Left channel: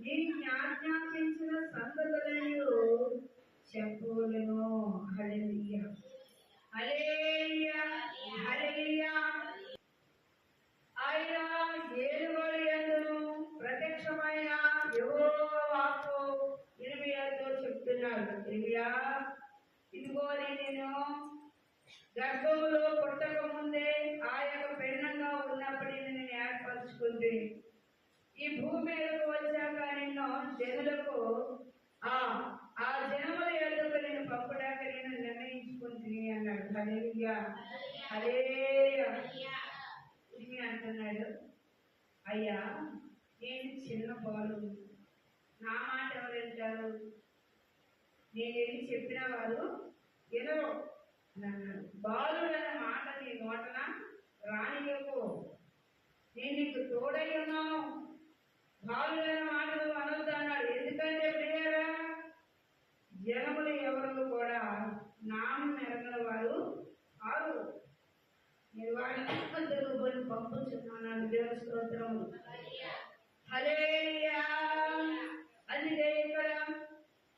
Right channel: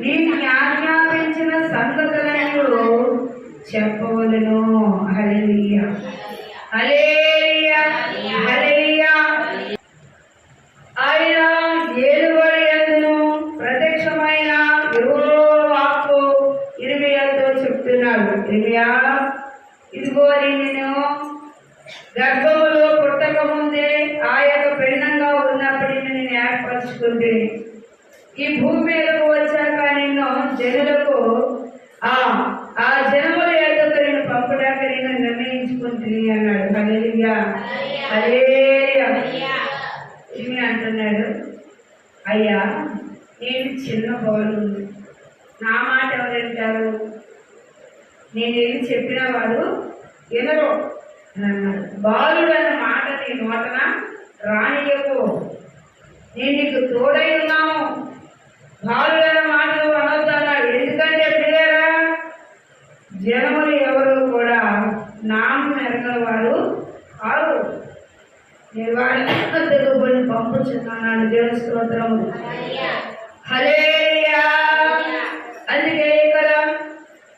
నేను ఆజ్ఞాపించిన సంగతులను చెప్పవలను. హల్లెలూయా, హల్లెలూయా, హల్లెలూయా. ఆయన ఏలుబడి యందును ప్రత్యక్షమైన యెహోవా వాక్కు ఇర్మీయాతో చెప్తున్నాడు. ఇర్మీయా, ఇదిగో నేను గర్భములో పుట్టక ముందే ఆ యొక్క పిండంగా ఉన్నప్పటికీ నేను ఏర్పరచుకుంటే ఈ భూమి మీదకు వచ్చాక నిన్ను జనులకు ఆ జనముల యొద్దకు నేను పంపడానికి నేను నిర్ణయించుకుంటుంది అన్నాడు. హల్లెలూయా, హల్లెలూయా. ఇవి అంటున్నాడు, అయ్యా నేను చిన్న బాలు, నా మాట ఎవరు వింటారు? నేను ఏమి చెప్పిన వాడు వినరు అని అన్నాడు. బాలుడు అన్న మాట నీ నోటన రానియకు, నేను నీకు తోడై ఉన్నాను. బాలుడు అన్న మాటలు అనొద్దు అన్నాడు. ఎందుకంటే పిల్లరా, జనములు ఎవరు కూడా నామం ఎరగల వారు కాదు. నేను వారిని తెలుగుని పంపుచున్నాను. దేవుని స్తోత్రము, హల్లెలూయా. అందుకే ఇక్కడ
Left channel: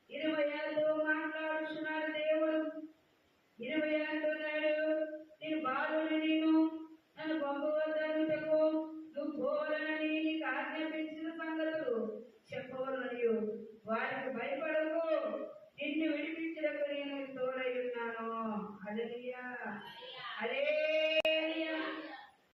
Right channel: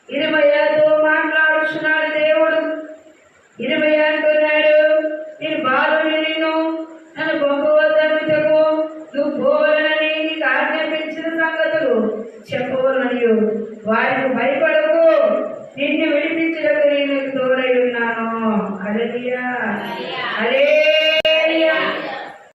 ఇర్మీయాతో మాట్లాడుతున్నాడు దేవుడు. ఇర్మీయా అంటున్నాడు, నేను బాలుని, నేను నన్ను పంపవద్దనుటకు నువ్వు పోవాలని నీకు ఆజ్ఞాపించిన సంగతులు చెప్పవలనయు వారికి భయపడకు, నిన్ను విడిపించడానికి నేను తోడై ఉన్నాను. హల్లెలూయా, హల్లెలూయా.